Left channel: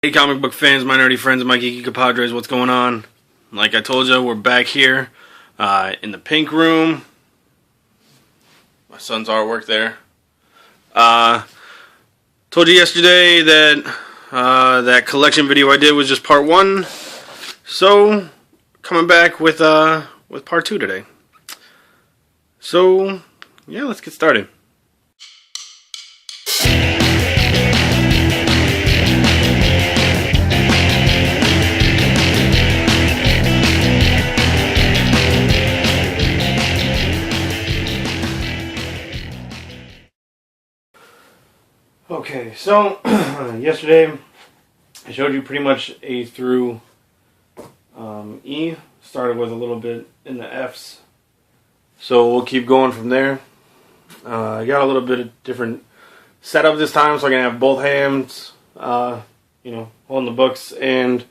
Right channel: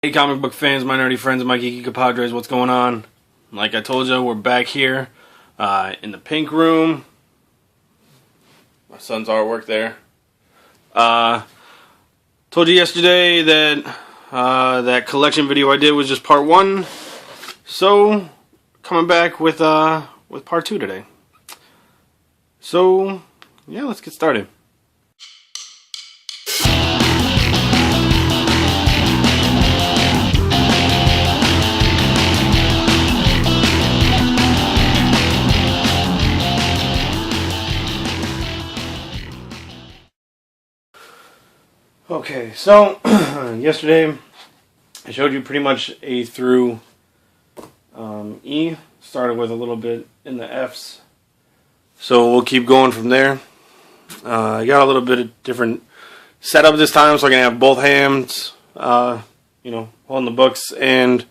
Hey comic book fans, my nerdy friends, my geeky compadres, what's going on? Like I told you, we're back here in the pink room. My son's artwork there. Told you yesterday that that collection video I did was just part 1. So, coming back with part 2 today. So, yeah, let's get started. Okay, so yesterday I showed you pretty much A through E. Started with a little bit in the F's. So we'll keep going from there. I got a little bit of different setup this time, so I can have both hands, holding the books. And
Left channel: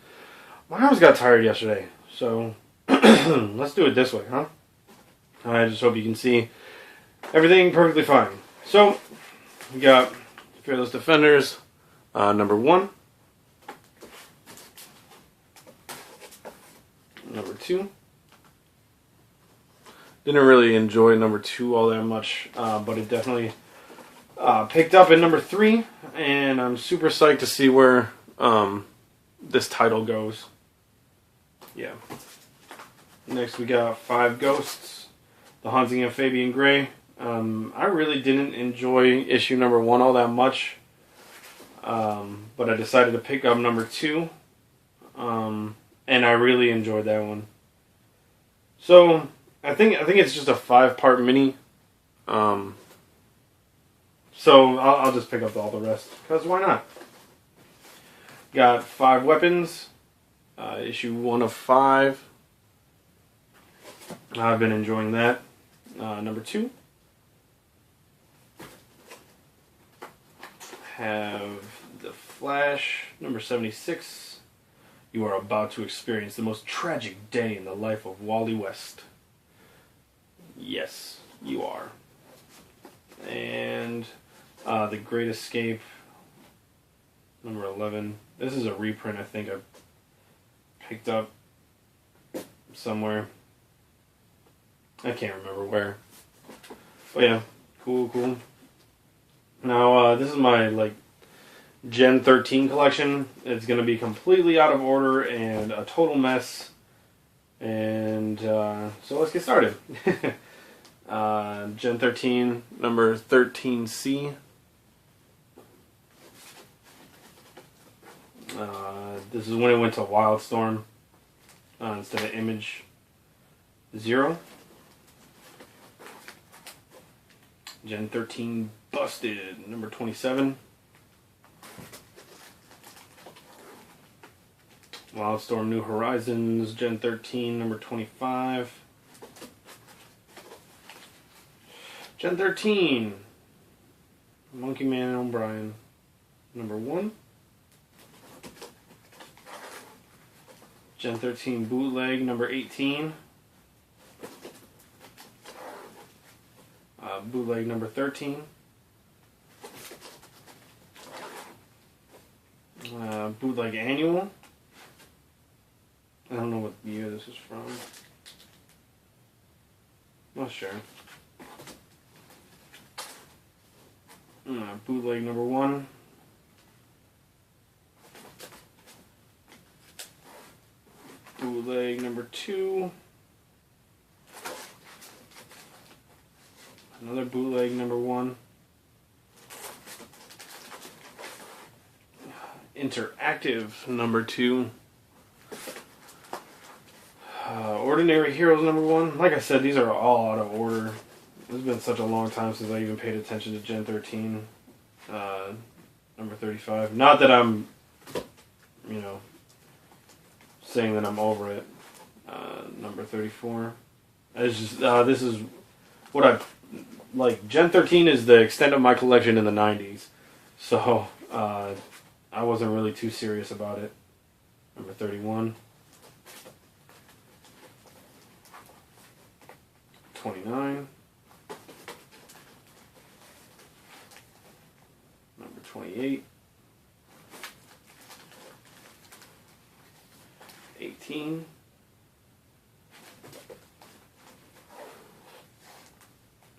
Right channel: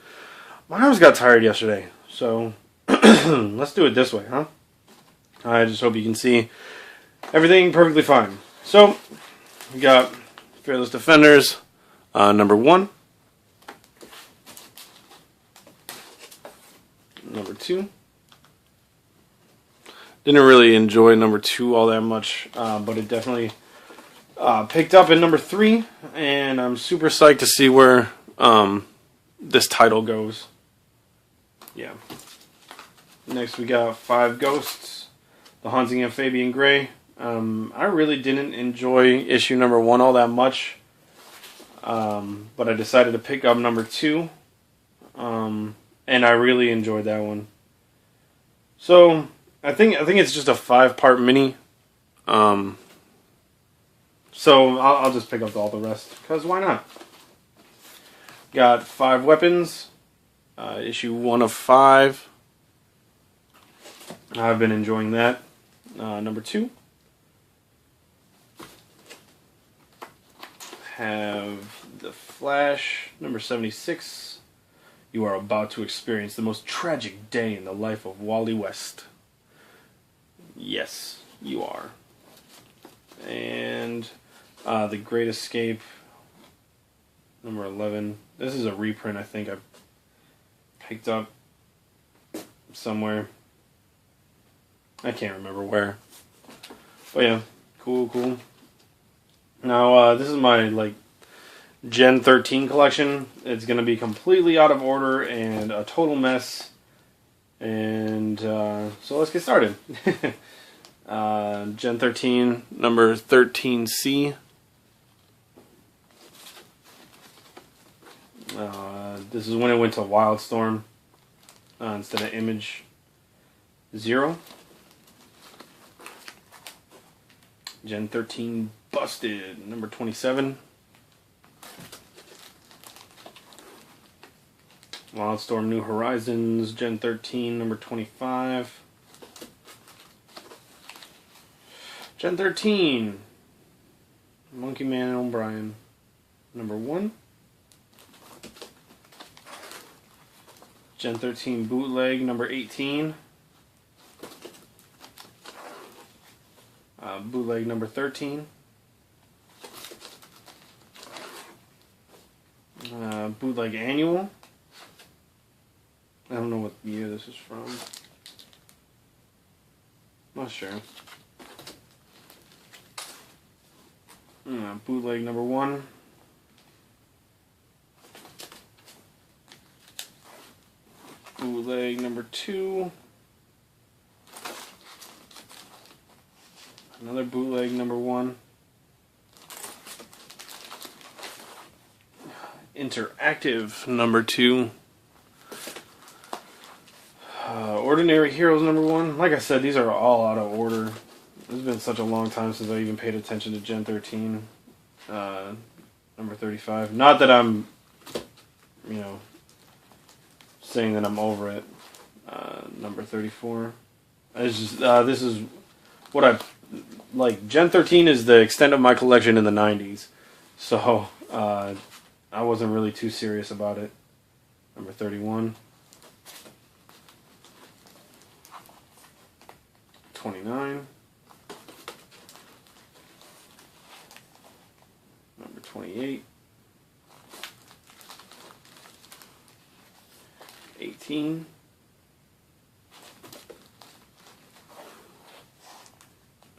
my arms got tired yesterday, so let's do it this way, huh? I just hope you can see everything perfectly fine. So we got Fearless Defenders, number 1, number 2. Didn't really enjoy number 2 all that much, but it definitely picked up in number 3, and I'm super psyched to see where this title goes. Yeah. Next we got 5 Ghosts, The Haunting of Fabian Gray. I really didn't enjoy issue number 1 all that much, but I decided to pick up number 2, and I really enjoyed that one. So I think it's just a 5-part mini, so I'll just pick up all the rest, because why not? Got 5 Weapons, issue 1 of 5. I've been enjoying that. Number 2. Have The Flash, number 76. You are about to experience the most tragic day in the life of Wally West. Yes, you are. And The Great Escape, number 11. This is a reprint I think I picked up somewhere. I can't remember where. But yeah, cool. Now, this is my, Gen 13 collection. It's going to be completely out of order and a total mess. And, so let's get started. Gen 13, number 13C. This is when it went to Wildstorm instead of Image 0. Gen 13 Busted, number 27. Wildstorm New Horizons, Gen 13, number 25. Gen 13, Monkey Man and O'Brien, number 1. Gen 13 Bootleg, number 18. Bootleg number 13. Bootleg Annual. I don't know what year this is from. Not sure. Bootleg number 1. Bootleg number 2. Another bootleg number 1. Interactive number 2. Ordinary Heroes number 1. Like I said, these are all out of order. It's been such a long time since I even paid attention to Gen 13. Number 35. Not that I'm, saying that I'm over it. Number 34. It's just, this is what I like. Gen 13 is the extent of my collection in the 90s. So, I wasn't really too serious about it. Number 31. 29. Number 28. 18.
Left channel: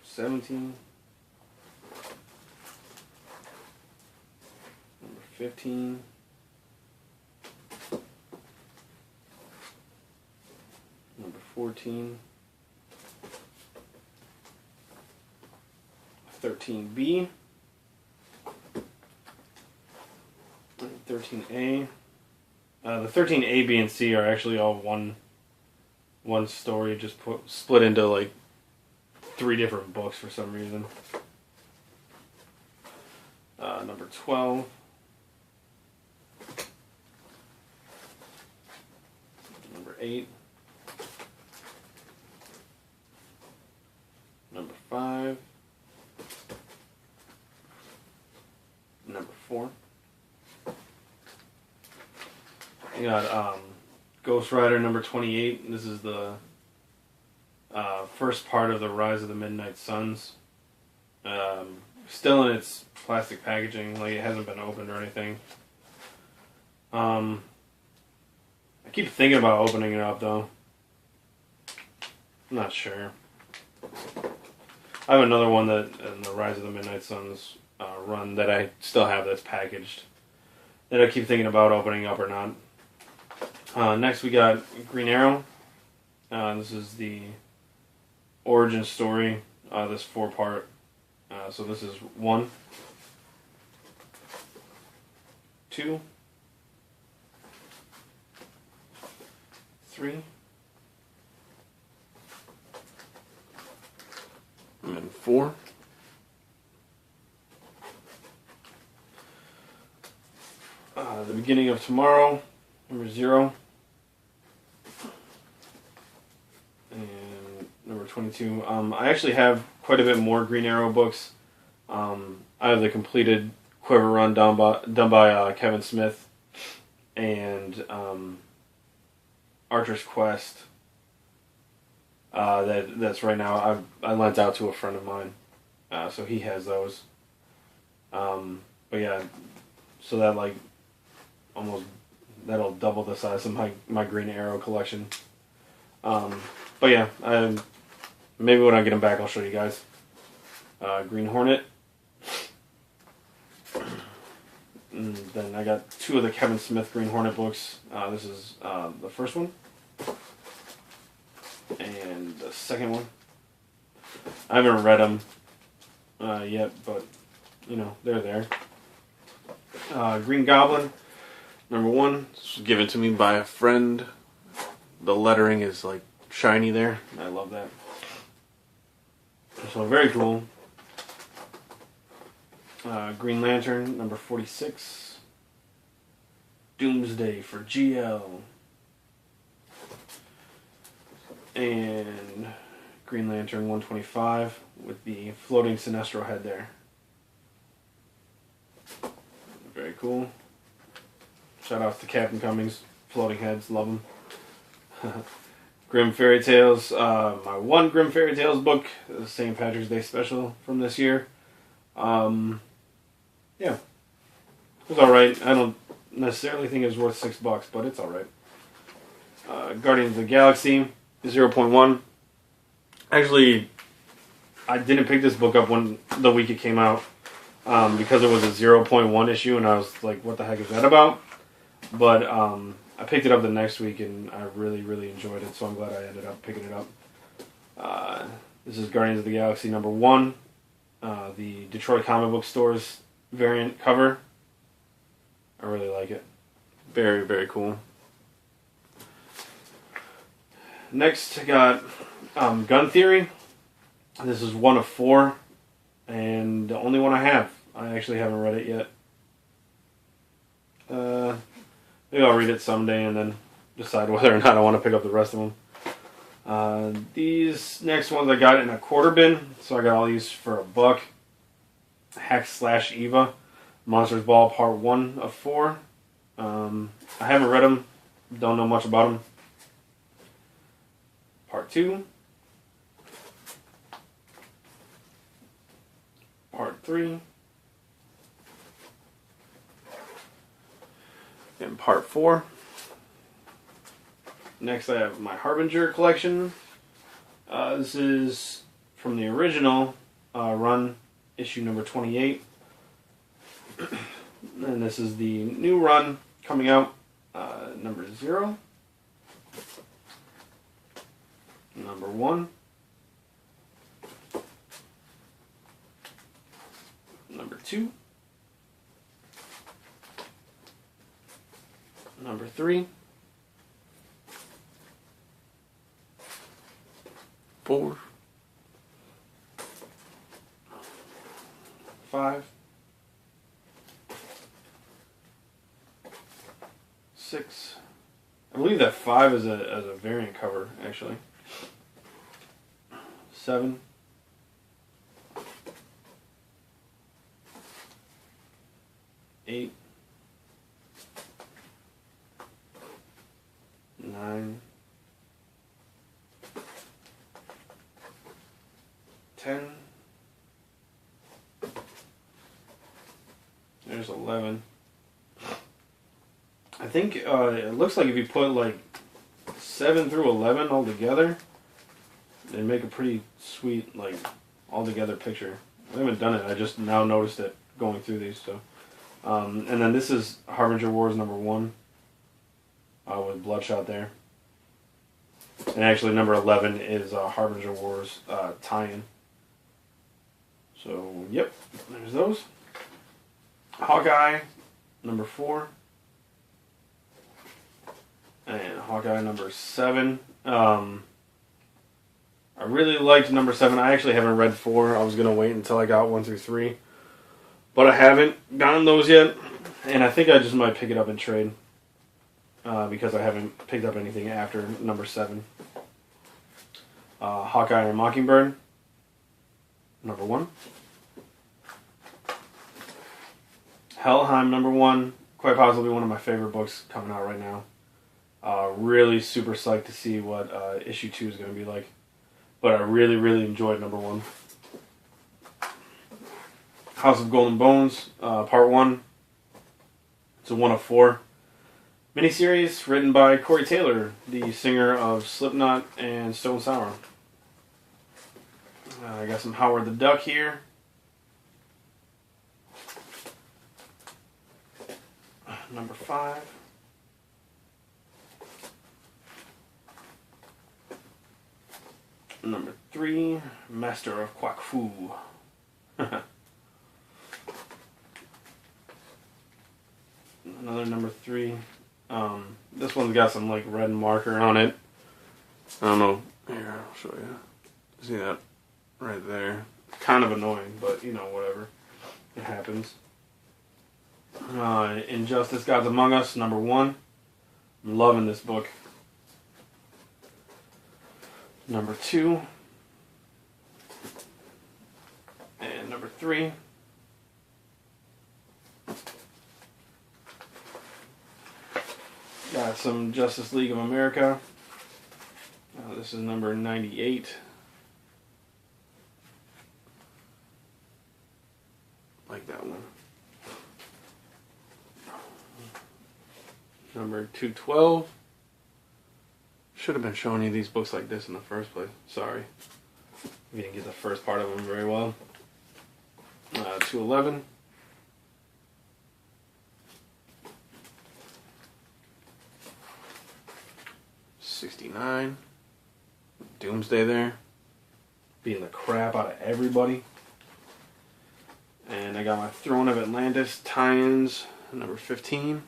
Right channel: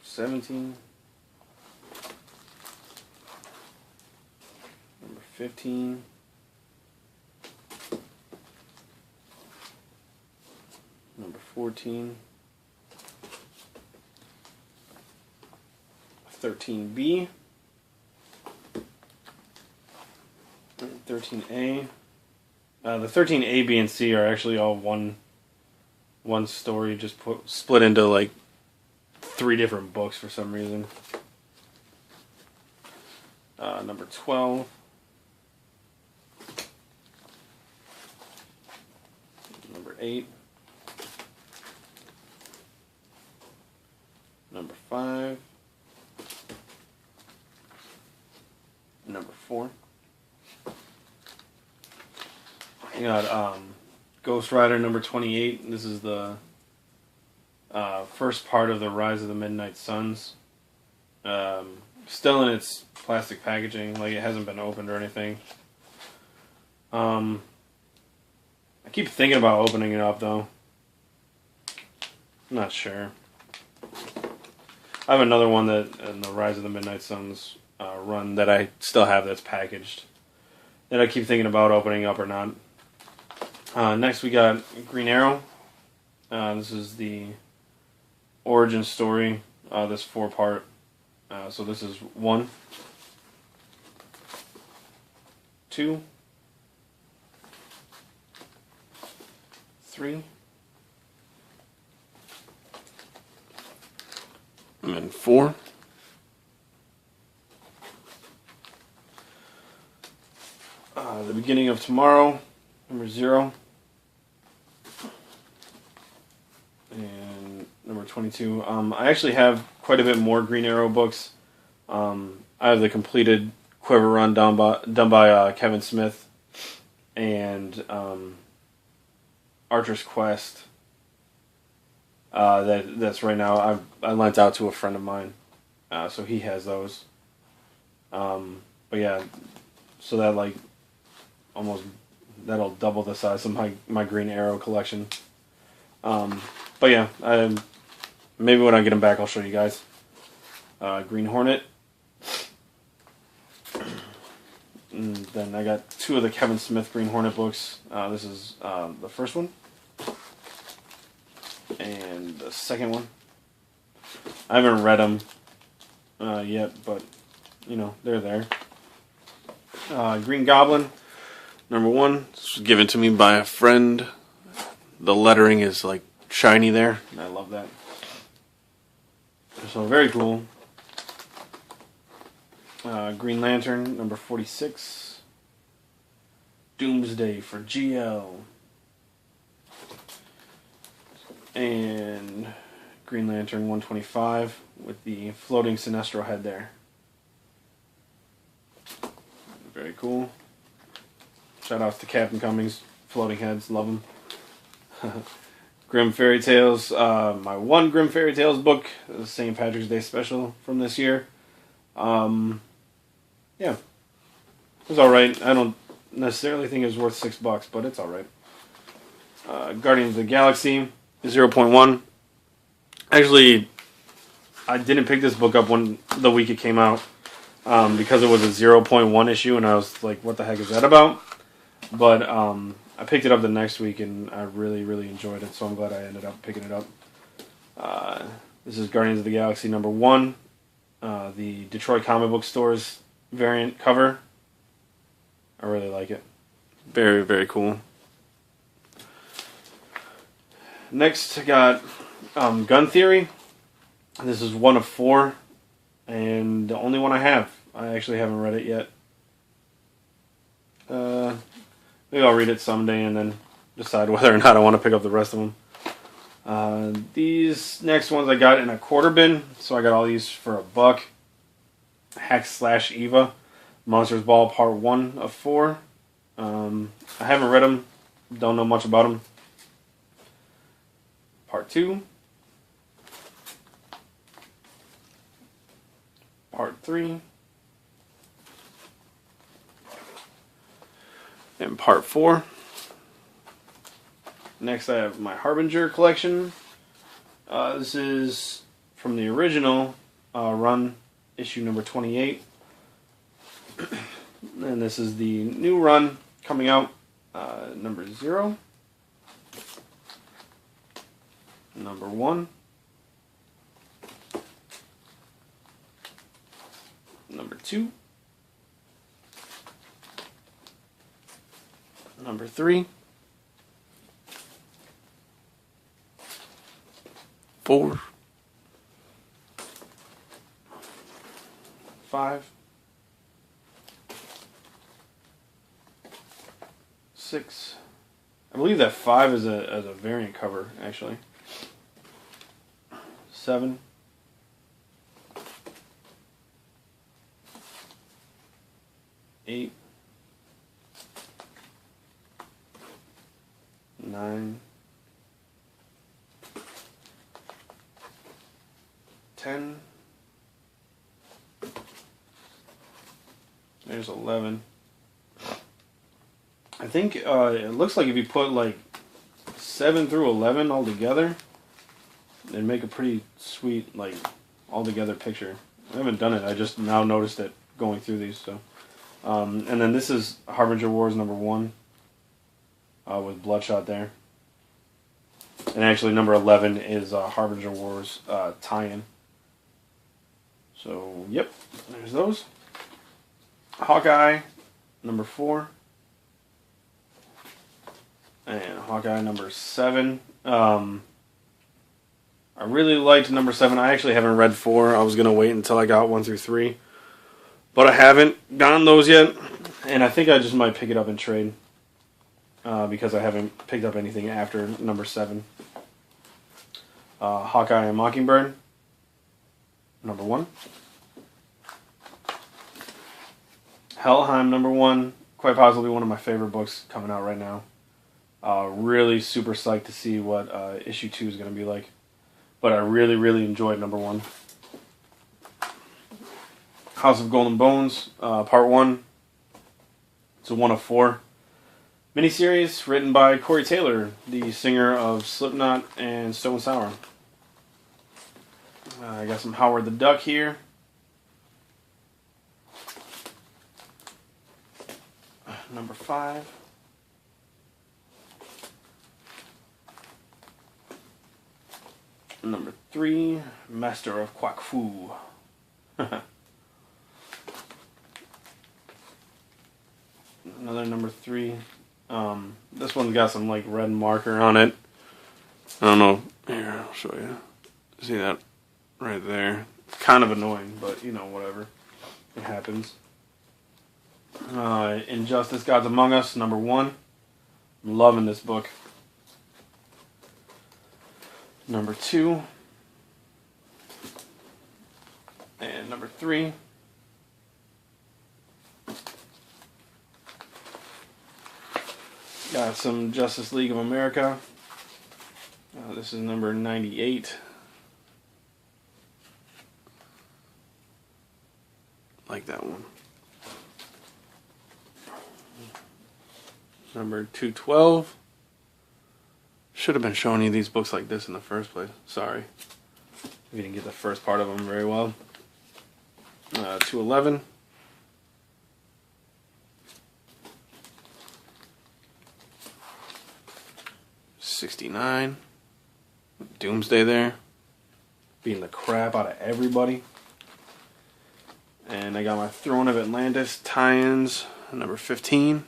17. Number 15. Number 14. 13B. And 13A. The 13A, B, and C are actually all one story, just split into like 3 different books for some reason. Number 12. Number 8. Number 5. Number 4. You got Ghost Rider number 28. This is the first part of the Rise of the Midnight Suns. Still in its plastic packaging, like it hasn't been opened or anything. I keep thinking about opening it up though. I'm not sure. I have another one that in the Rise of the Midnight Suns run that I still have that's packaged that I keep thinking about opening up or not. Next we got Green Arrow. This is the origin story. This 4-part. So this is 1, 2, 3, and 4. The Beginning of Tomorrow, number 0. And number 22. I actually have quite a bit more Green Arrow books. I have the completed Quiver run done by Kevin Smith, and Archer's Quest. That's right now. I lent out to a friend of mine, so he has those. But yeah, so that like that'll double the size of my Green Arrow collection. But yeah, maybe when I get them back, I'll show you guys. Green Hornet. And then I got 2 of the Kevin Smith Green Hornet books. This is the first one. And the second one. I haven't read them yet, but, you know, they're there. Green Goblin, number 1. This was given to me by a friend. The lettering is, like, shiny there. I love that. So, very cool. Green Lantern, number 46. Doomsday for GL. And Green Lantern 125 with the floating Sinestro head there. Very cool. Shout outs to Captain Cummings. Floating heads, love them. Grim Fairy Tales. My 1 Grim Fairy Tales book, the St. Patrick's Day special from this year. Yeah, it was alright. I don't necessarily think it was worth $6, but it's alright. Guardians of the Galaxy, 0.1. Actually, I didn't pick this book up the week it came out because it was a 0.1 issue, and I was like, what the heck is that about? But I picked it up the next week, and I really, really enjoyed it, so I'm glad I ended up picking it up. This is Guardians of the Galaxy number 1, the Detroit Comic Book Store's variant cover. I really like it. Very, very cool. Next, I got Gun Theory. This is 1 of 4, and the only one I have. I actually haven't read it yet. Maybe I'll read it someday and then decide whether or not I want to pick up the rest of them. These next ones I got in a quarter bin, so I got all these for $1. Hex/Eva, Monsters Ball Part 1 of 4. I haven't read them, don't know much about them. Part 2. Part 3. And Part 4. Next, I have my Harbinger collection. This is from the original run, issue number 28. And this is the new run coming out, number 0, number 1, number 2, number 3, 4, 5, 6. I believe that 5 is a variant cover, actually. 7, 8, 9, 10. There's 11. I think it looks like if you put like 7 through 11 all together, they'd make a pretty sweet, like, all together picture. I haven't done it. I just now noticed it going through these. So, and then this is Harbinger Wars number 1 with Bloodshot there. And actually, number 11 is Harbinger Wars tie-in. So, yep, there's those. Hawkeye, number 4. And Hawkeye, number 7. I really liked number 7. I actually haven't read 4. I was going to wait until I got 1 through 3. But I haven't gotten those yet. And I think I just might pick it up in trade. Because I haven't picked up anything after number 7. Hawkeye and Mockingbird, number 1. Helheim, number 1. Quite possibly one of my favorite books coming out right now. Really super psyched to see what issue 2 is going to be like. But I really, really enjoyed number 1. House of Golden Bones, part 1. It's a 1 of 4. Miniseries written by Corey Taylor, the singer of Slipknot and Stone Sour. I got some Howard the Duck here. Number 5. Number 3, Master of Quack Fu. Another number 3. This one's got some like red marker on it. I don't know. Here, I'll show you. See that right there? Kind of annoying, but you know, whatever. It happens. Injustice: Gods Among Us, number 1. I'm loving this book. Number 2. And number 3. Got some Justice League of America. This is number 98. Like that one. Number 212. Should have been showing you these books like this in the first place. Sorry. We didn't get the first part of them very well. 211. '69. Doomsday there. Beating the crap out of everybody. And I got my Throne of Atlantis tie-ins, number 15.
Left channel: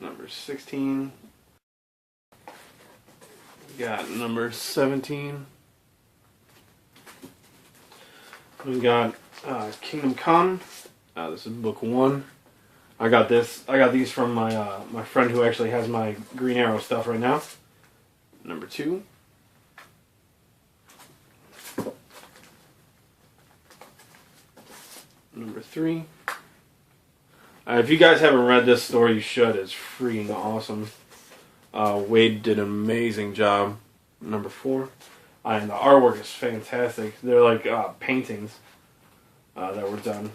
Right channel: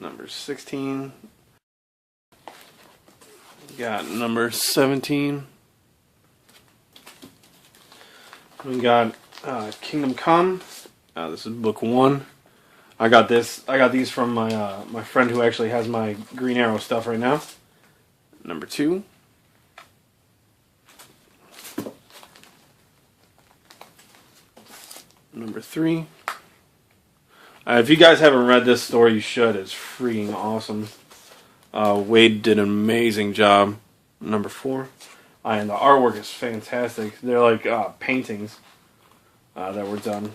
Number 16. Got number 17. We got Kingdom Come. This is book 1. I got these from my friend who actually has my Green Arrow stuff right now. Number 2. Number 3. If you guys haven't read this story, you should. It's freaking awesome. Wade did an amazing job. Number 4. And the artwork is fantastic. They're like paintings that were done.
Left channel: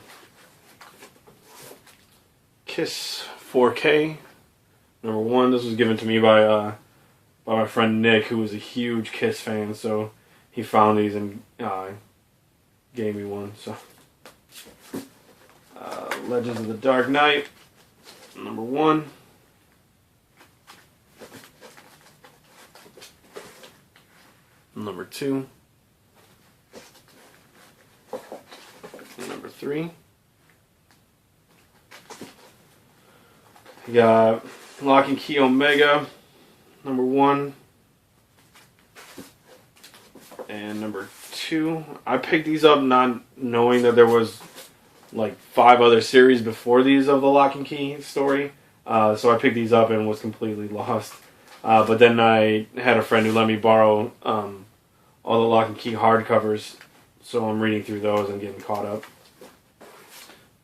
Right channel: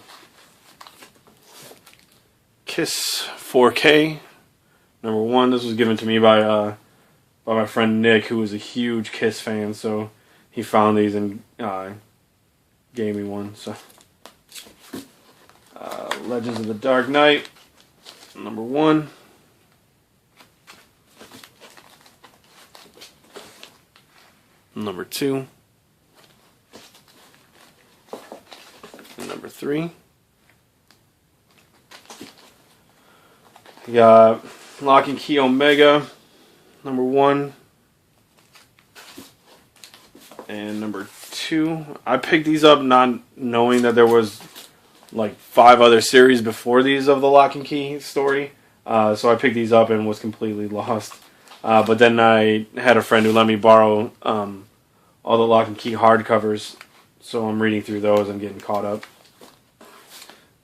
Kiss 4K, Number 1, this was given to me by my friend Nick, who was a huge Kiss fan, so he found these and gave me one. So, Legends of the Dark Knight, number 1. Number 2. Number 3. We got Lock and Key Omega, number 1. And number 2. I picked these up not knowing that there was like 5 other series before these of the Lock and Key story. So I picked these up and was completely lost. But then I had a friend who let me borrow all the Lock and Key hardcovers. So I'm reading through those and getting caught up.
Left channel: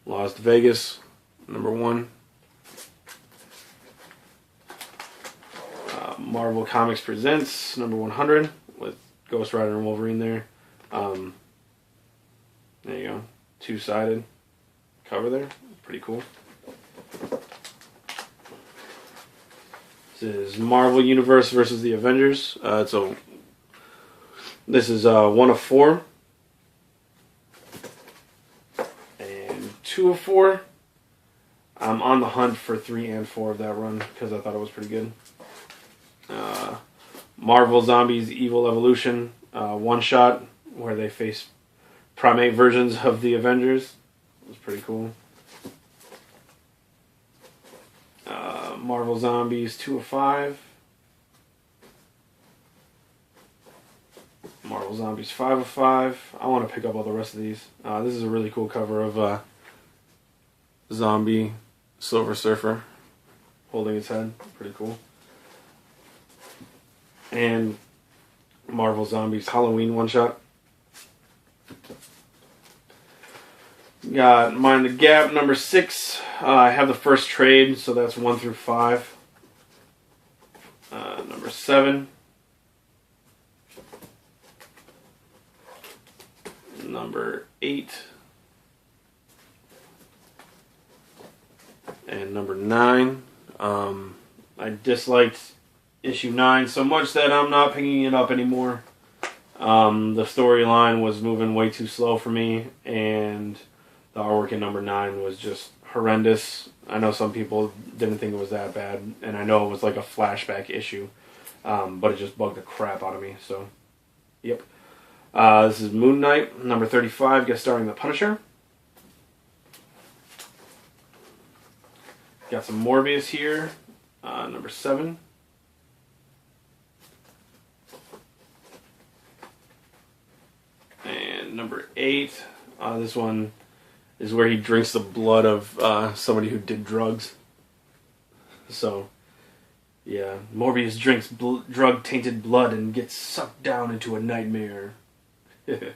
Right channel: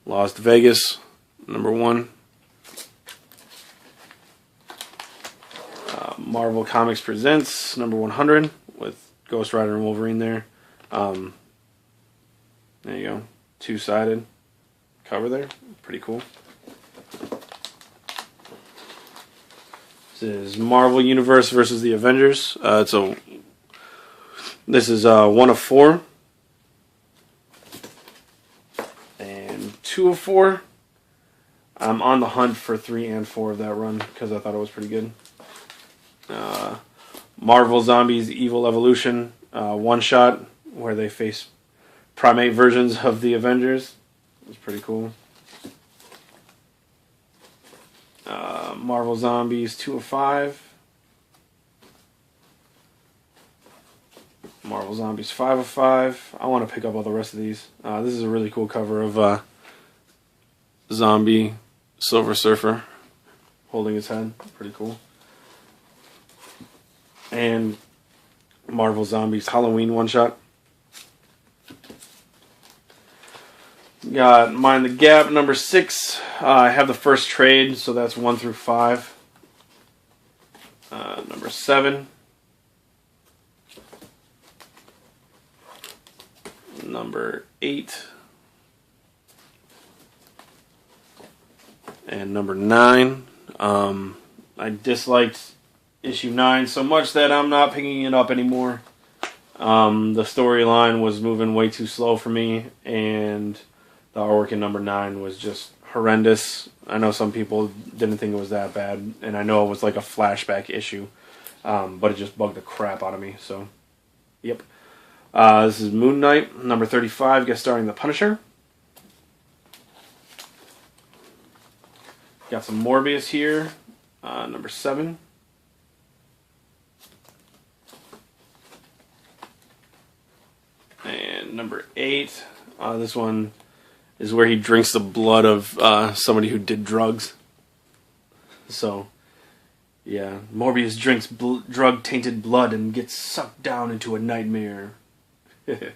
Lost Vegas, number 1. Marvel Comics Presents, number 100, with Ghost Rider and Wolverine there. There you go. 2-sided cover there. Pretty cool. This is Marvel Universe versus the Avengers. This is 1 of 4. And 2 of 4. I'm on the hunt for 3 and 4 of that run because I thought it was pretty good. Marvel Zombies Evil Evolution, one-shot where they face primate versions of the Avengers. It was pretty cool. Marvel Zombies 2 of 5. Marvel Zombies 5 of 5. I want to pick up all the rest of these. This is a really cool cover of Zombie Silver Surfer holding his head. Pretty cool. And Marvel Zombies Halloween one-shot. Got Mind the Gap, number 6. I have the first trade, so that's 1 through 5. Number 7. Number 8. And number 9. I disliked issue 9 so much that I'm not picking it up anymore. The storyline was moving way too slow for me, and the artwork in number 9 was just horrendous. I know some people didn't think it was that bad, and I know it was like a flashback issue, but it just bugged the crap out of me. So, yep. This is Moon Knight, number 35, guest starring the Punisher. Got some Morbius here, number 7. And number 8, this one is where he drinks the blood of somebody who did drugs. So, yeah, Morbius drinks drug-tainted blood and gets sucked down into a nightmare. And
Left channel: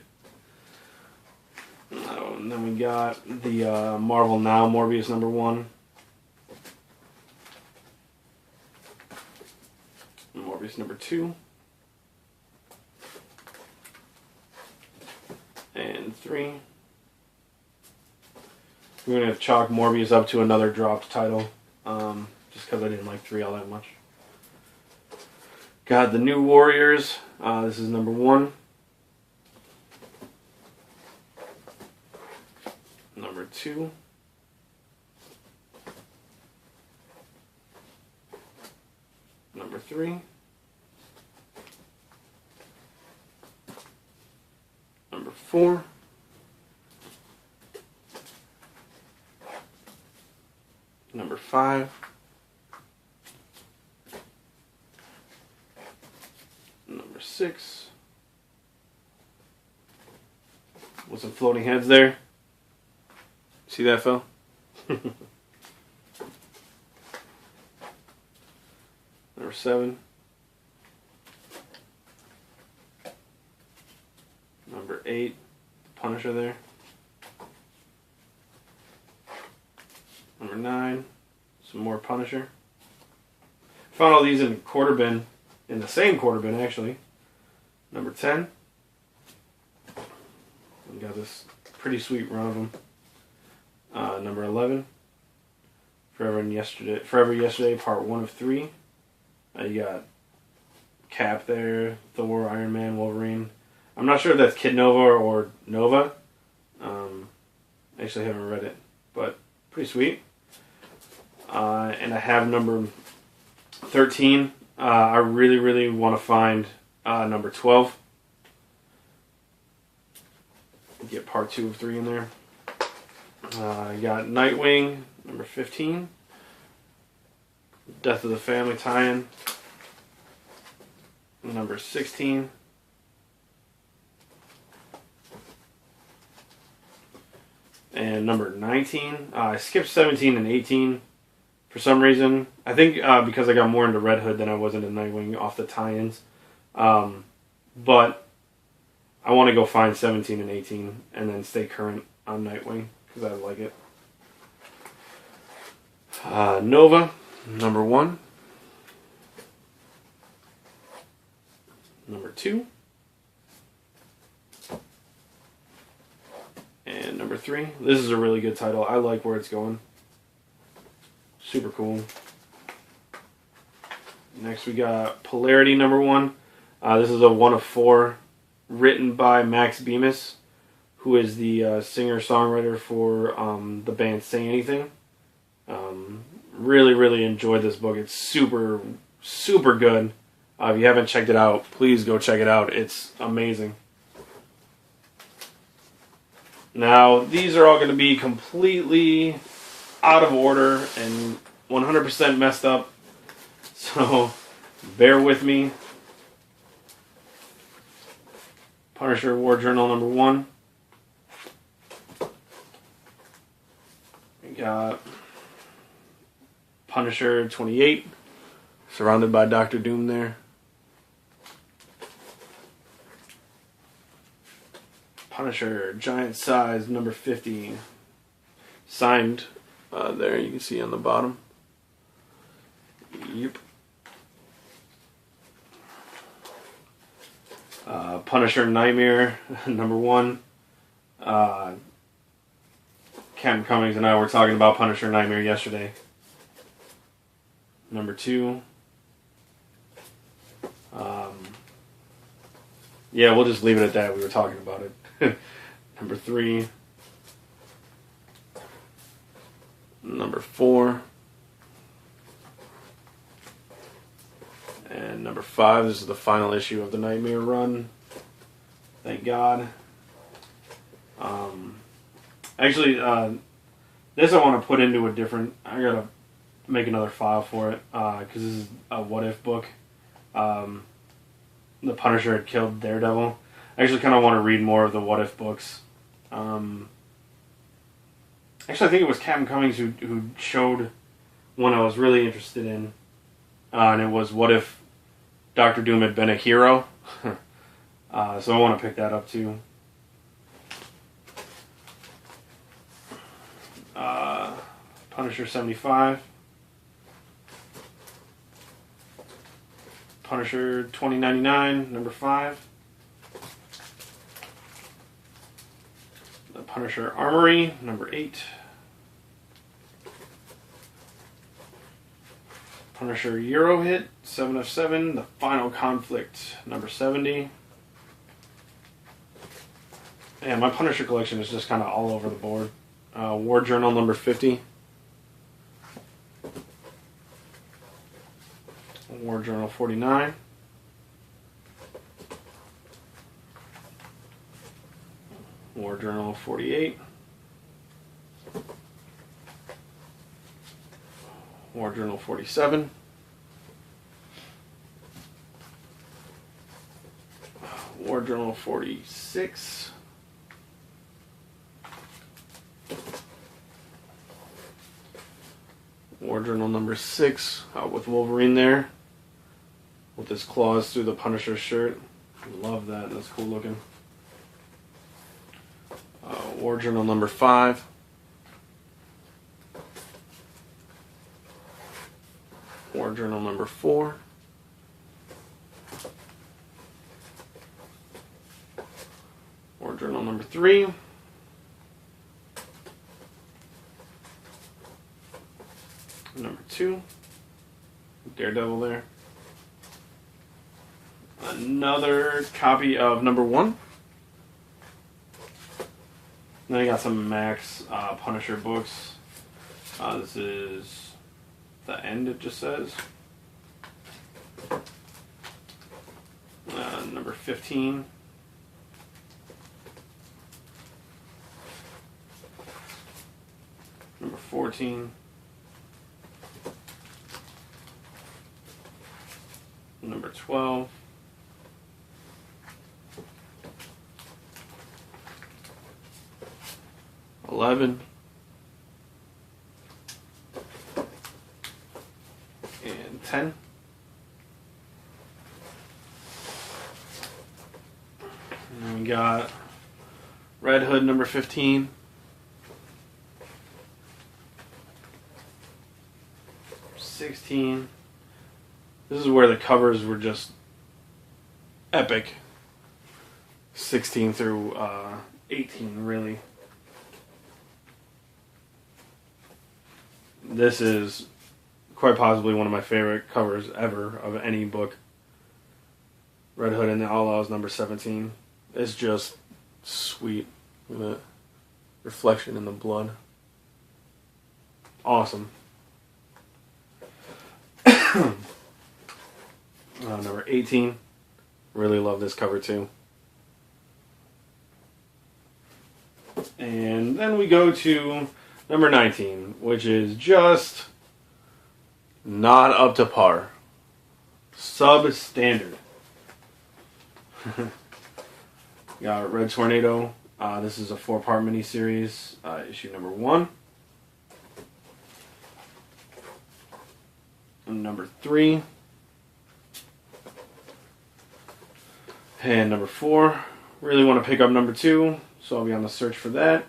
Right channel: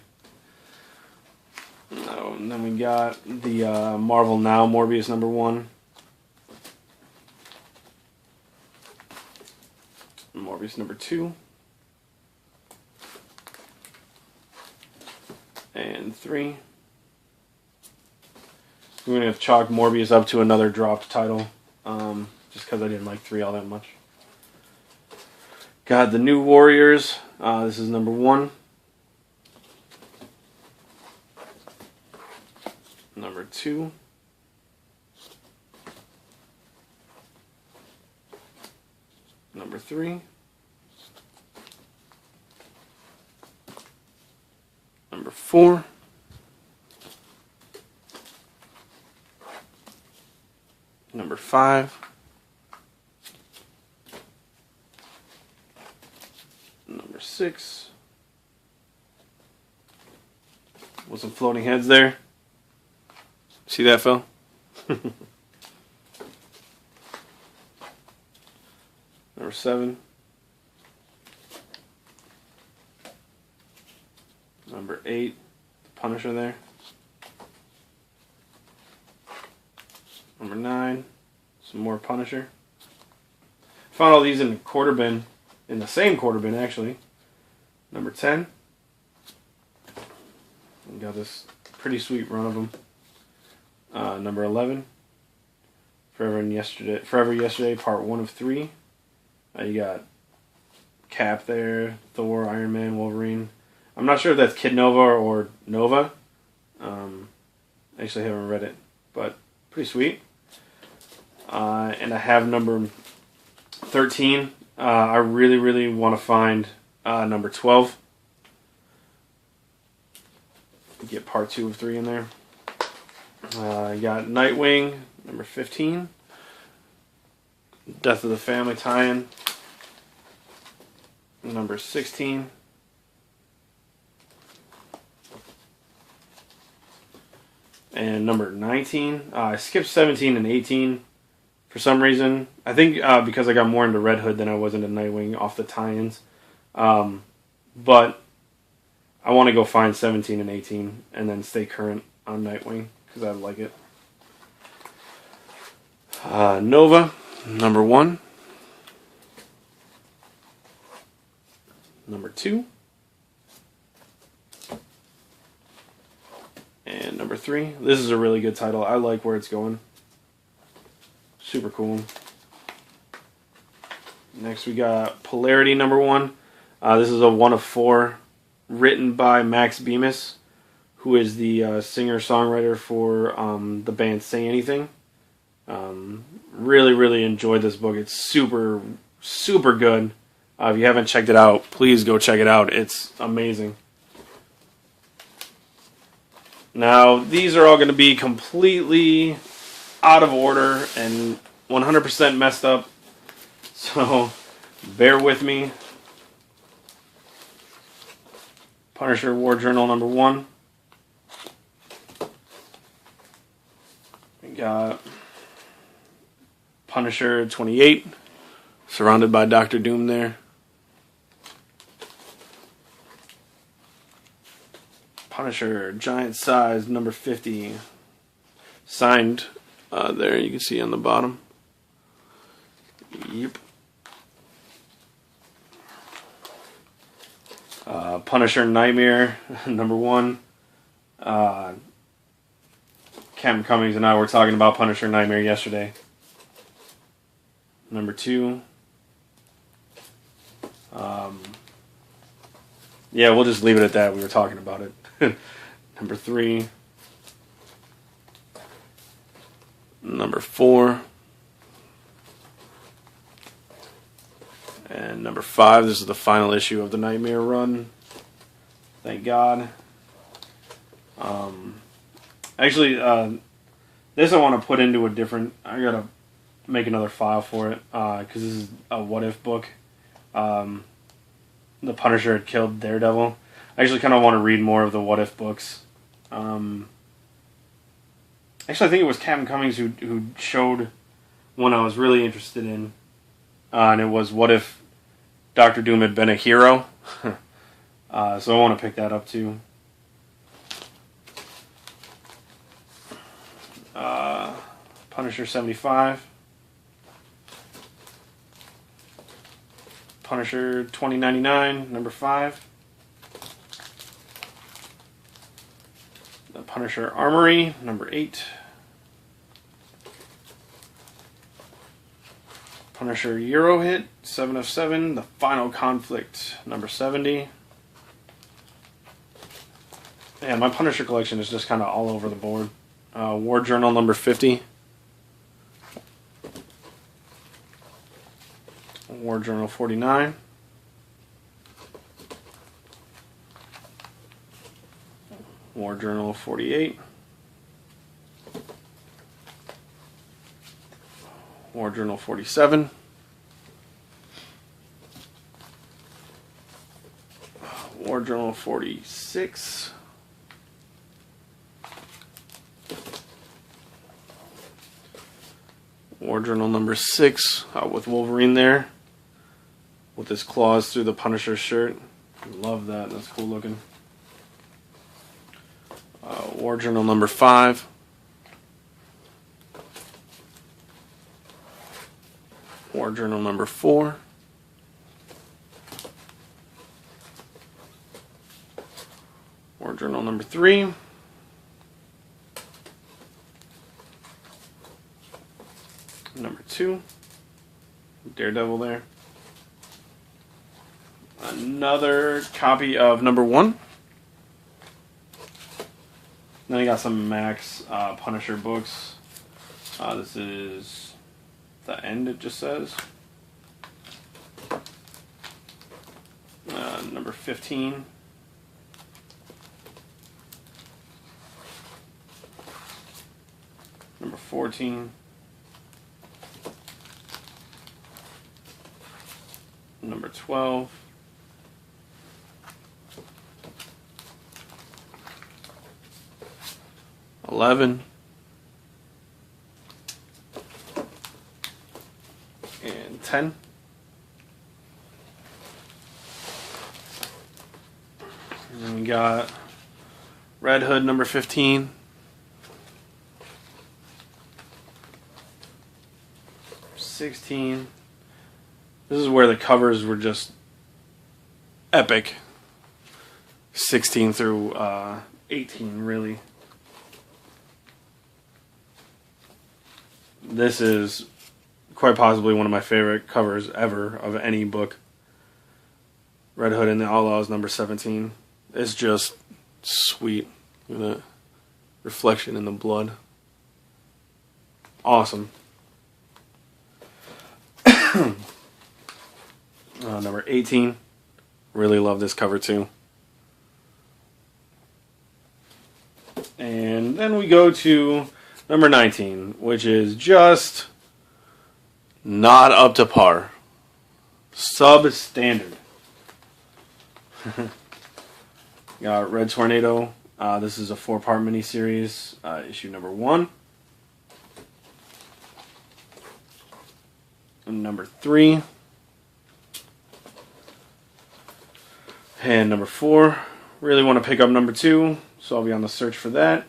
then we got the Marvel Now Morbius number 1. Morbius number 2. And 3. I'm going to chalk Morbius up to another dropped title, just because I didn't like 3 all that much. Got the New Warriors. This is number 1. Number 2. Number 3. Number 4. Number 5. Number 6. With some floating heads there. See that, Phil? Number 7. Number 8. Punisher there. Number 9. Some more Punisher. Found all these in the quarter bin. In the same quarter bin, actually. Number 10. We got this pretty sweet run of them. Number 11. Forever Yesterday, Part 1 of 3. You got Cap there, Thor, Iron Man, Wolverine. I'm not sure if that's Kid Nova or Nova. Actually, I haven't read it, but pretty sweet. And I have number 13. I really, really want to find number 12. Get part 2 of 3 in there. You got Nightwing, number 15. Death of the Family tie-in, number 16. And number 19. I skipped 17 and 18 for some reason. I think because I got more into Red Hood than I was into Nightwing off the tie-ins. But I want to go find 17 and 18 and then stay current on Nightwing because I like it. Nova, number 1. Number 2. And number 3. This is a really good title. I like where it's going. Super cool. Next we got Polarity, number 1. This is a 1 of 4 written by Max Bemis, who is the singer-songwriter for the band Say Anything. Really, really enjoyed this book. It's super, super good. If you haven't checked it out, please go check it out. It's amazing. Now, these are all going to be completely out of order and 100% messed up. So, bear with me. Punisher War Journal number 1. We got Punisher 28, surrounded by Dr. Doom there. Punisher Giant Size number 50, signed there, you can see on the bottom. Yep. Punisher Nightmare number 1. Captain Cummings and I were talking about Punisher Nightmare yesterday. Number 2. Yeah, we'll just leave it at that. We were talking about it. Number 3. Number 4. And number 5. This is the final issue of the Nightmare run. Thank God. Actually, this I want to put into a different... I gotta make another file for it, because this is a What If book. The Punisher had killed Daredevil. I actually kind of want to read more of the What If books. Actually, I think it was Captain Cummings who showed one I was really interested in. And it was What If Dr. Doom had been a hero? So I want to pick that up too. Punisher 75. Punisher 2099, number 5. The Punisher Armory, number 8. Punisher Euro Hit, 7 of 7. The Final Conflict, number 70. And my Punisher collection is just kind of all over the board. War Journal, number 50. War Journal 49. War Journal 48. War Journal 47. War Journal 46. War Journal number 6 with Wolverine there, with his claws through the Punisher shirt. Love that. That's cool looking. War Journal number 5. War Journal number 4. War Journal number 3. Number 2, Daredevil there. Another copy of number 1. Then I got some Max Punisher books. This is The End, it just says. Number 15. Number 14. Number 12. $11 and $10. And then we got Red Hood number 15. $16. This is where the covers were just epic. 16 through 18, really. This is quite possibly one of my favorite covers ever of any book. Red Hood and the Outlaws number 17. It's just sweet. The reflection in the blood. Awesome. Number 18. Really love this cover too. And then we go to number 19, which is just not up to par. Substandard. Got Red Tornado. This is a 4-part miniseries, issue number 1. And number 3. And number 4. Really want to pick up number 2, so I'll be on the search for that.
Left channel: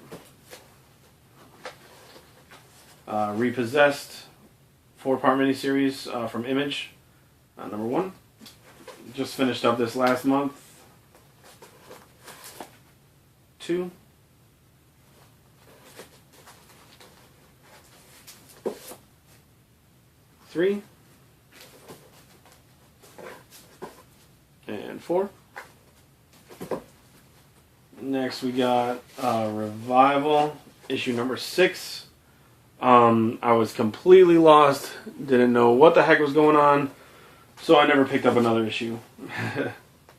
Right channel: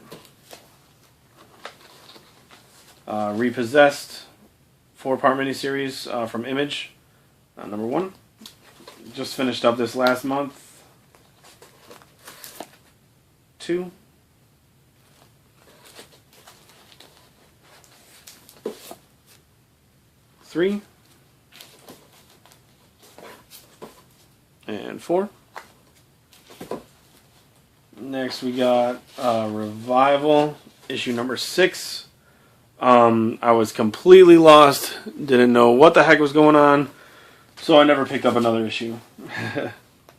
Repossessed, 4-part miniseries from Image, number 1. Just finished up this last month. 2. 3. And 4. Next we got Revival, issue number 6. I was completely lost, didn't know what the heck was going on, so I never picked up another issue.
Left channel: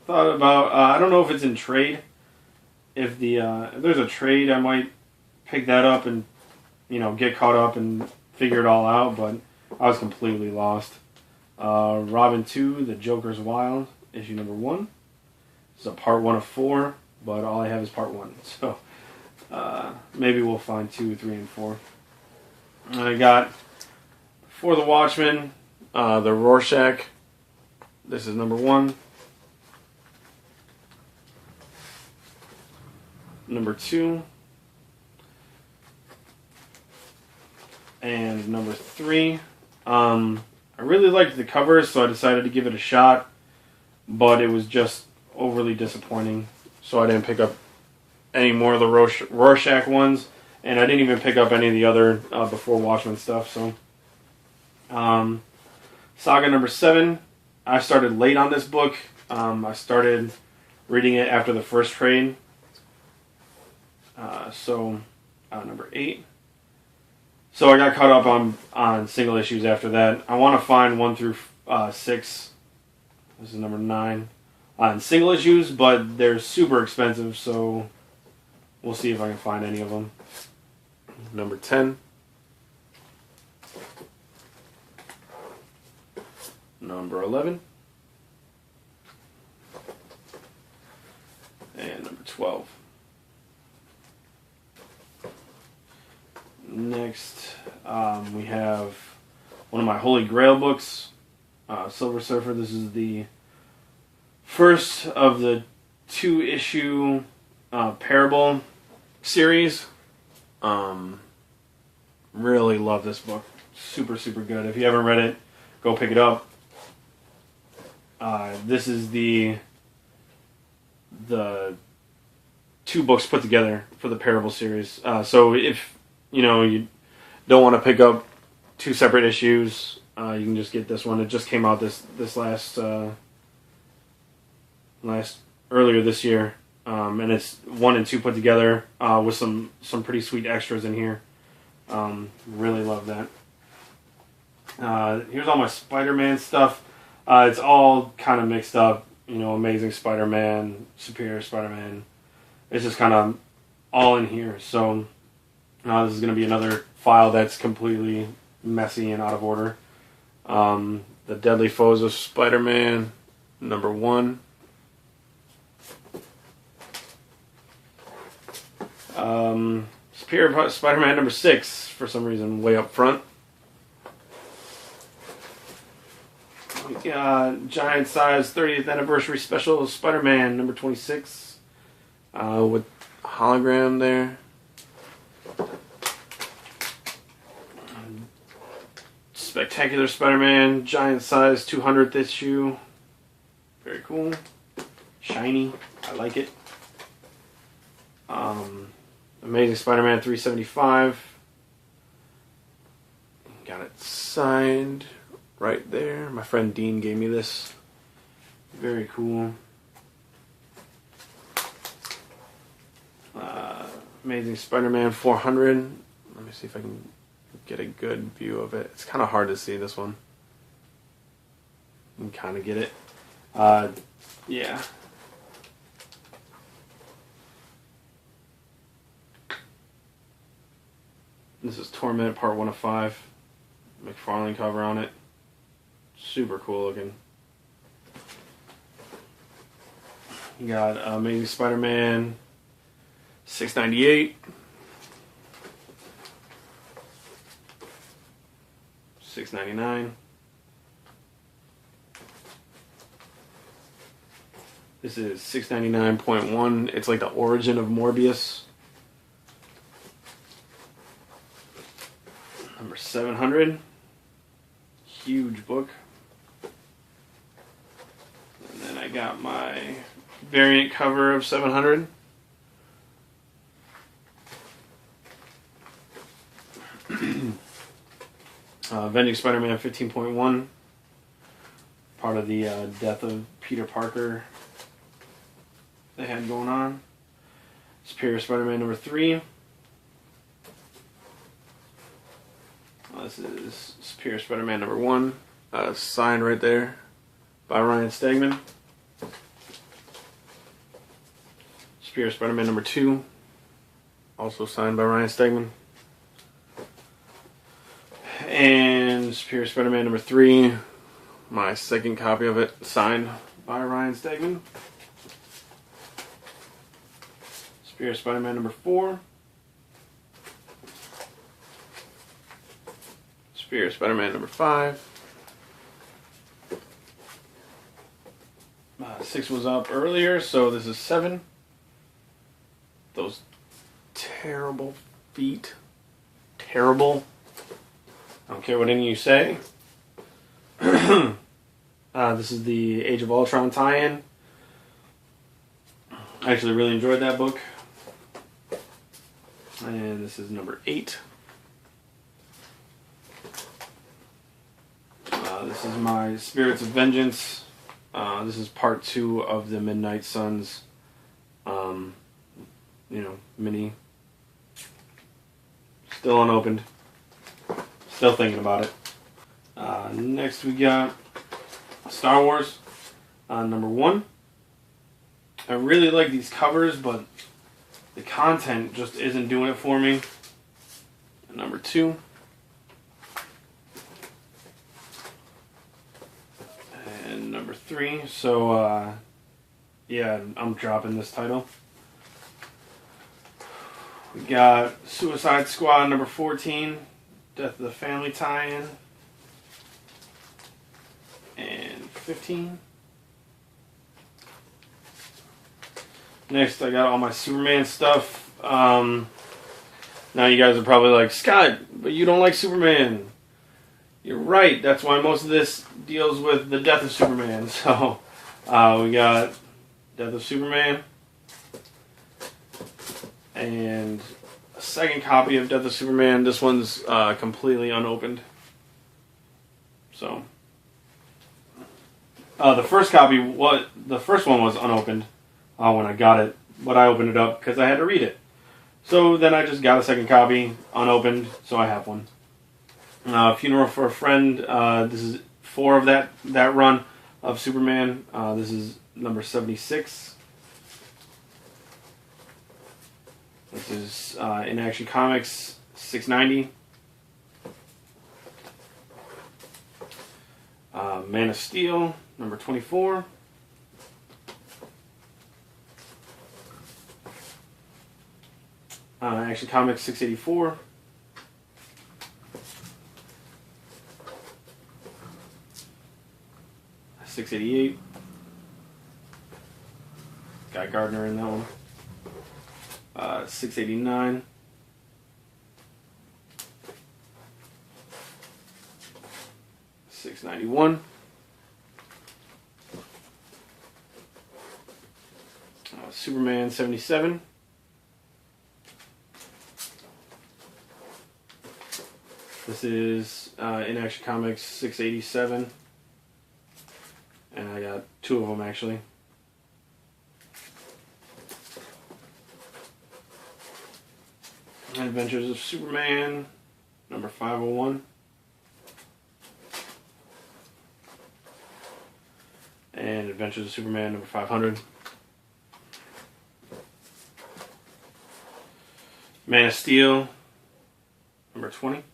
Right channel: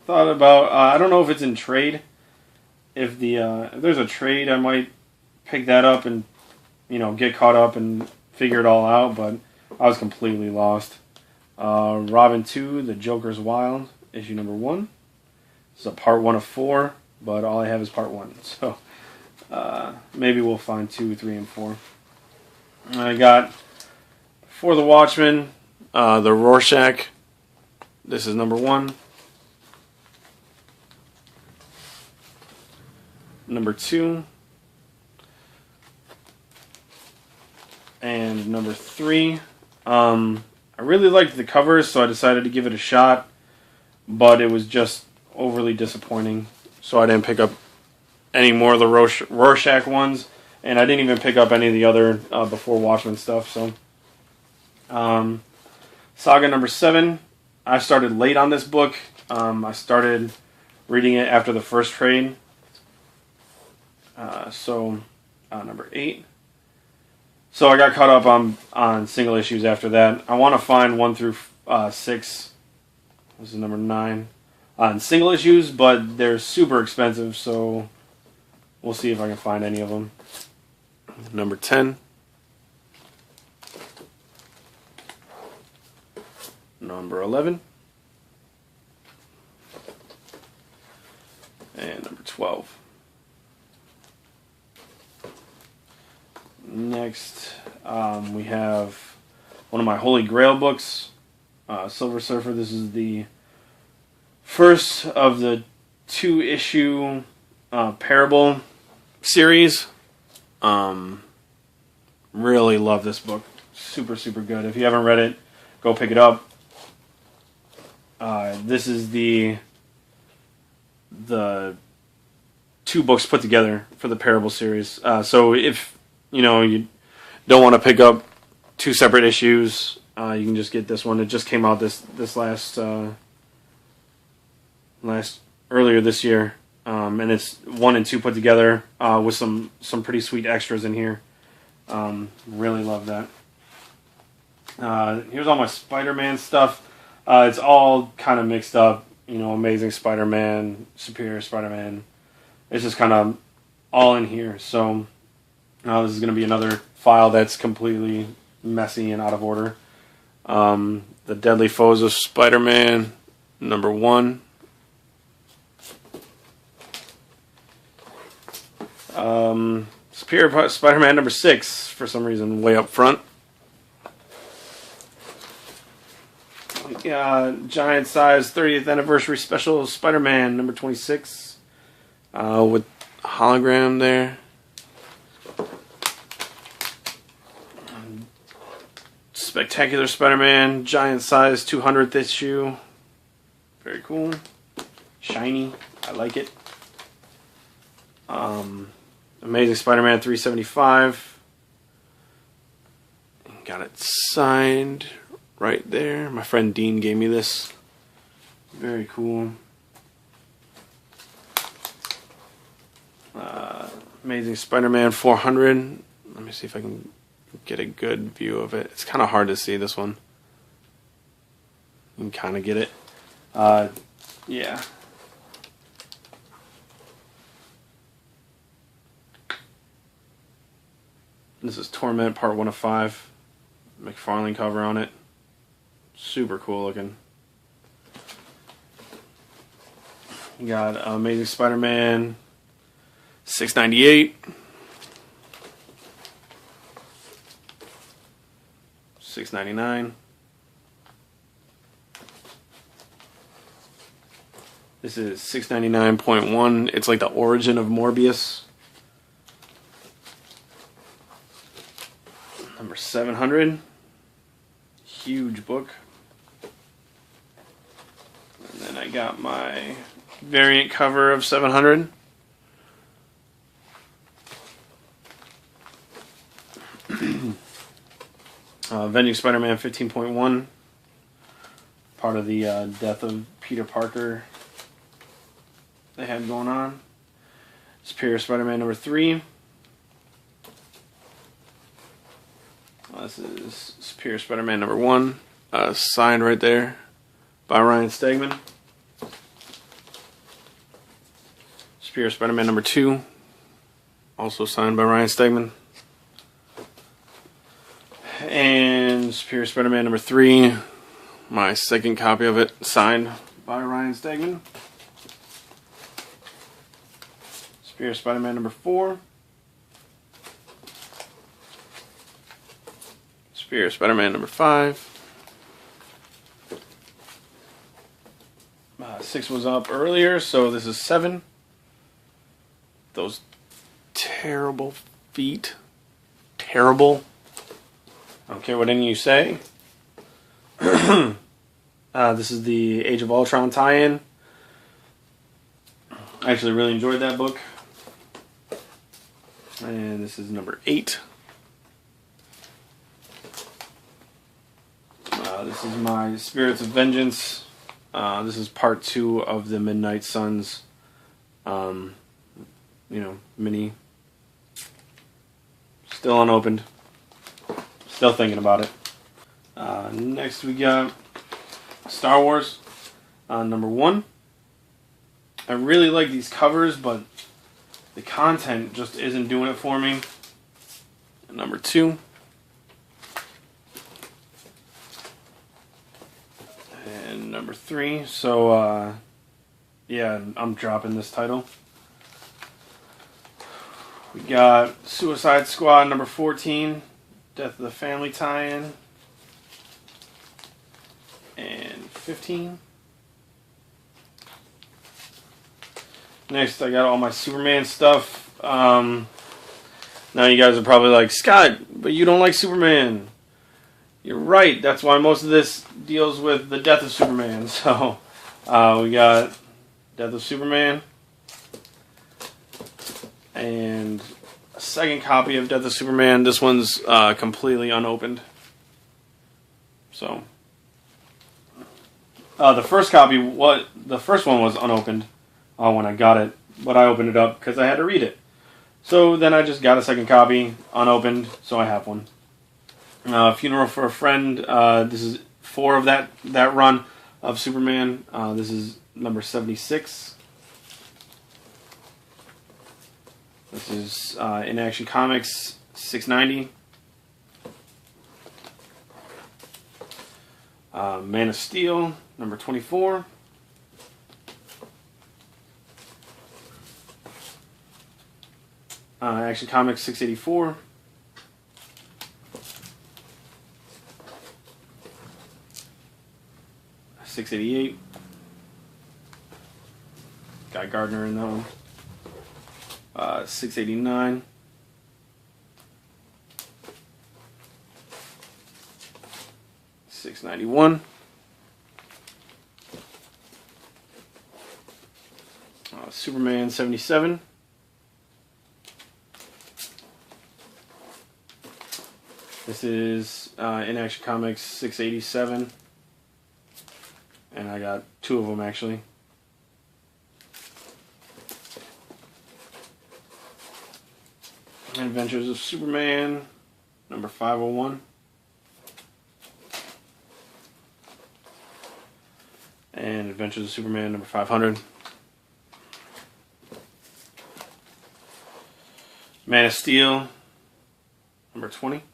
Thought about, I don't know if it's in trade. If there's a trade, I might pick that up and, get caught up and figure it all out, but I was completely lost. Robin 2, The Joker's Wild, issue number 1. It's a part 1 of 4, but all I have is part 1, so maybe we'll find 2, 3, and 4. I got For the Watchmen, the Rorschach. This is number 1. Number 2. And number 3. I really liked the covers, so I decided to give it a shot, but it was just overly disappointing, so I didn't pick up any more of the Rorschach ones. And I didn't even pick up any of the other Before Watchmen stuff. So, Saga number 7. I started late on this book. I started reading it after the first trade. Number 8. So I got caught up on single issues after that. I want to find 1 through 6. This is number 9 on single issues, but they're super expensive. So we'll see if I can find any of them. Number 10. Number 11. And number 12. Next, we have one of my Holy Grail books, Silver Surfer. This is the first of the 2-issue Parable series. Really love this book. Super, super good. If you haven't read it, go pick it up. This is the 2 books put together for the Parable series. So if you don't want to pick up 2 separate issues. You can just get this one. It just came out this earlier this year, and it's 1 and 2 put together with some pretty sweet extras in here. Really love that. Here's all my Spider-Man stuff. It's all kind of mixed up. You know, Amazing Spider-Man, Superior Spider-Man. It's just kind of all in here. So this is going to be another file that's completely messy and out of order. The Deadly Foes of Spider-Man, number 1. Superior Spider-Man number 6, for some reason, way up front. Giant size 30th anniversary special Spider-Man number 26 with hologram there. Spectacular Spider-Man giant size 200th issue. Very cool. Shiny. I like it. Amazing Spider-Man 375. Got it signed right there. My friend Dean gave me this. Very cool. Amazing Spider-Man 400. Let me see if I can get a good view of it. It's kind of hard to see this one. You can kind of get it. Yeah. This is Torment Part 1 of 5. McFarlane cover on it. Super cool looking. You got Amazing Spider-Man 698. 699. This is 699.1. It's like the origin of Morbius. Number 700. Huge book. And then I got my variant cover of 700. Avenging Spider-Man 15.1. Part of the death of Peter Parker they had going on. Superior Spider-Man number 3. This is Superior Spider-Man number 1. Signed right there by Ryan Stegman. Superior Spider-Man number 2. Also signed by Ryan Stegman. And Superior Spider-Man number 3. My second copy of it, signed by Ryan Stegman. Superior Spider-Man number 4. Superior Spider-Man number 5. 6 was up earlier, so this is 7. Those terrible feet. Terrible. I don't care what any of you say. This is the Age of Ultron tie-in. I actually really enjoyed that book. And this is number 8. This is my Spirits of Vengeance. This is part 2 of the Midnight Suns, mini. Still unopened. Still thinking about it. Next we got Star Wars, number 1. I really like these covers, but the content just isn't doing it for me. Number 2. And number 3. So, yeah, I'm dropping this title. We got Suicide Squad number 14. Death of the Family tie-in. And 15. Next, I got all my Superman stuff. Now you guys are probably like, Scott, but you don't like Superman. You're right. That's why most of this deals with the death of Superman. So, we got Death of Superman. And a second copy of Death of Superman. This one's completely unopened. So the first one was unopened when I got it, but I opened it up because I had to read it. So then I just got a second copy, unopened, so I have one. Funeral for a Friend. This is 4 of that run of Superman. This is number 76. This is in Action Comics 690. Man of Steel, number 24. Action Comics 684. $6.88. Got Gardner in that one. $6.89. $6.91. Superman 77. This is in Action Comics 687. And I got 2 of them actually. Adventures of Superman, number 501. And Adventures of Superman, number 500. Man of Steel, number 20.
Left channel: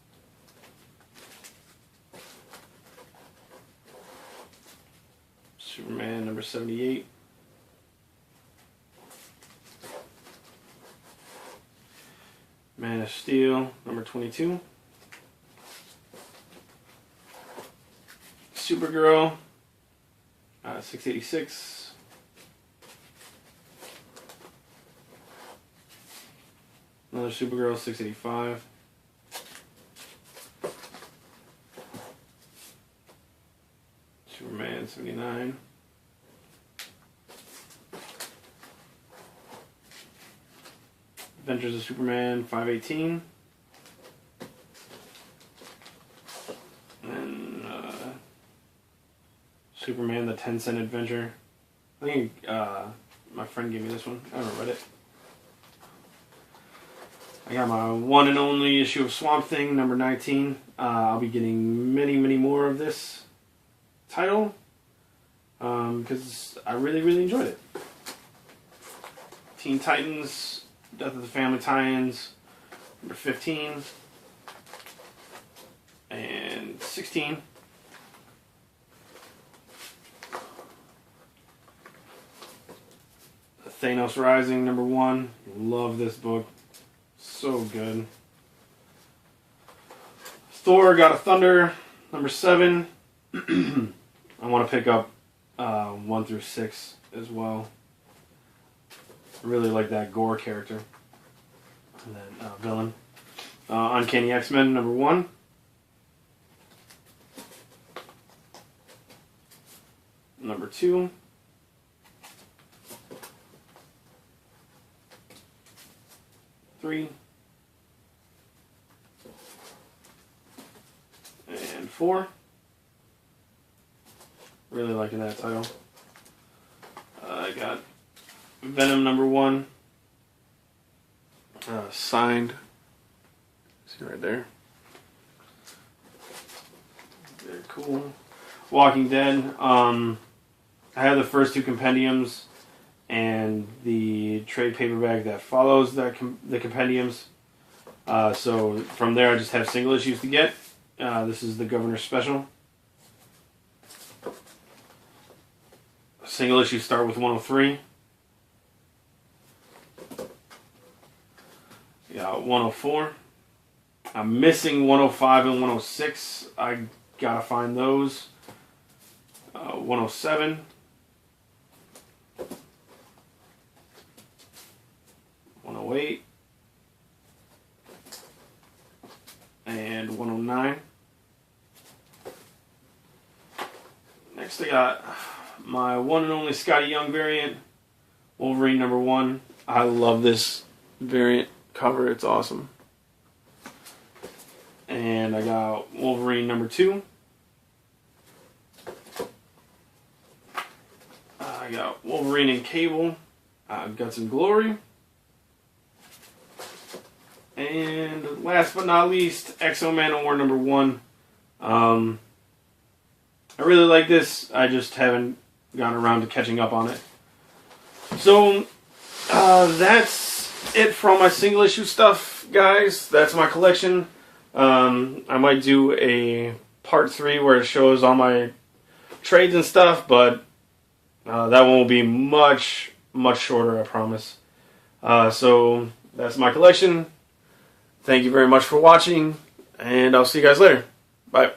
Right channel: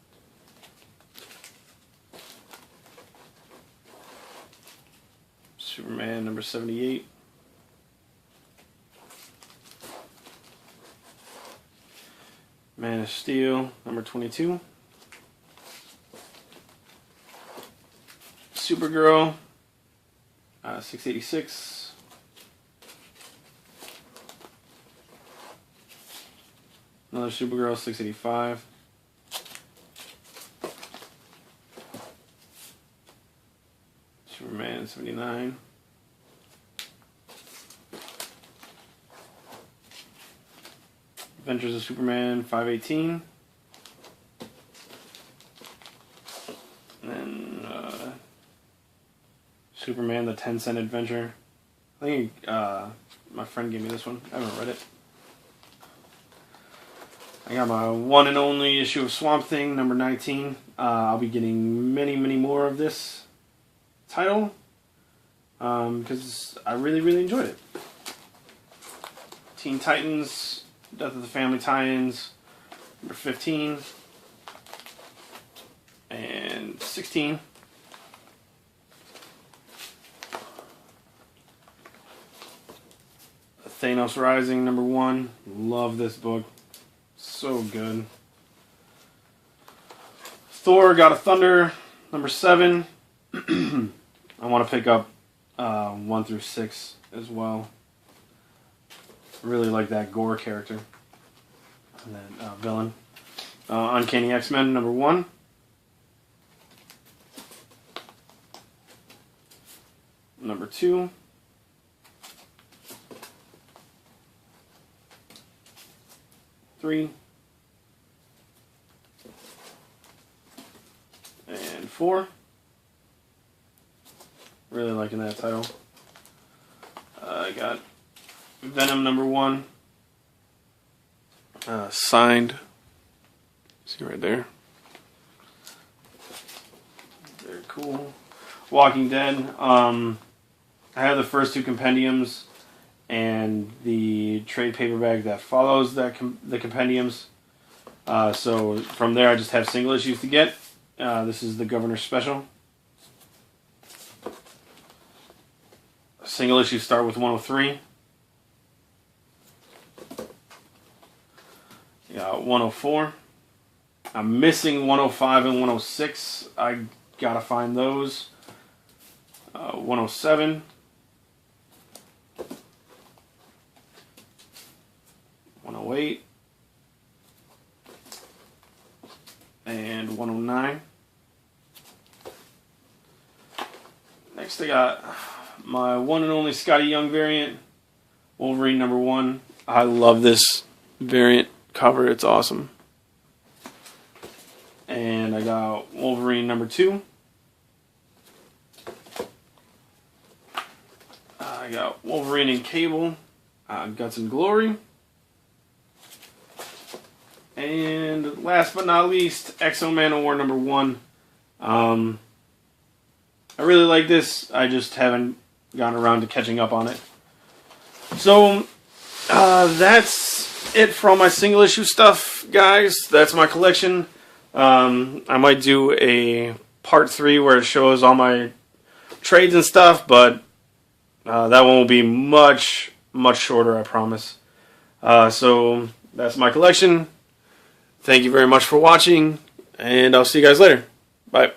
Superman, number 78. Man of Steel, number 22. Supergirl, 686. Another Supergirl, 685. Superman, 79. Adventures of Superman, 518. And Superman, the 10-cent adventure. I think my friend gave me this one. I haven't read it. I got my one and only issue of Swamp Thing, number 19. I'll be getting many, many more of this title because I really, really enjoyed it. Teen Titans, Death of the Family tie-ins, number 15 and 16. Thanos Rising, number 1. Love this book. So good. Thor, God of Thunder, number 7. I want to pick up 1 through 6 as well. I really like that Gore character. And that villain. Uncanny X-Men, number 1. Number 2. Three. And 4. Really liking that title. I got Venom number 1. Signed. See right there. Very cool. Walking Dead. I have the first 2 compendiums and the trade paperback that follows the compendiums. So from there I just have single issues to get. This is the Governor's Special. Single issues start with 103. Yeah, 104. I'm missing 105 and 106. I gotta find those. 107. 108. And 109. Next I got my one and only Scotty Young variant, Wolverine number 1. I love this variant cover, it's awesome. And I got Wolverine number 2. I got Wolverine and Cable, Guts and Glory. And last but not least, X-O Man War number 1. I really like this. I just haven't gotten around to catching up on it. So, that's it for all my single issue stuff, guys. That's my collection. I might do a part 3 where it shows all my trades and stuff, but that one will be much, much shorter, I promise. So, that's my collection. Thank you very much for watching, and I'll see you guys later. Bye.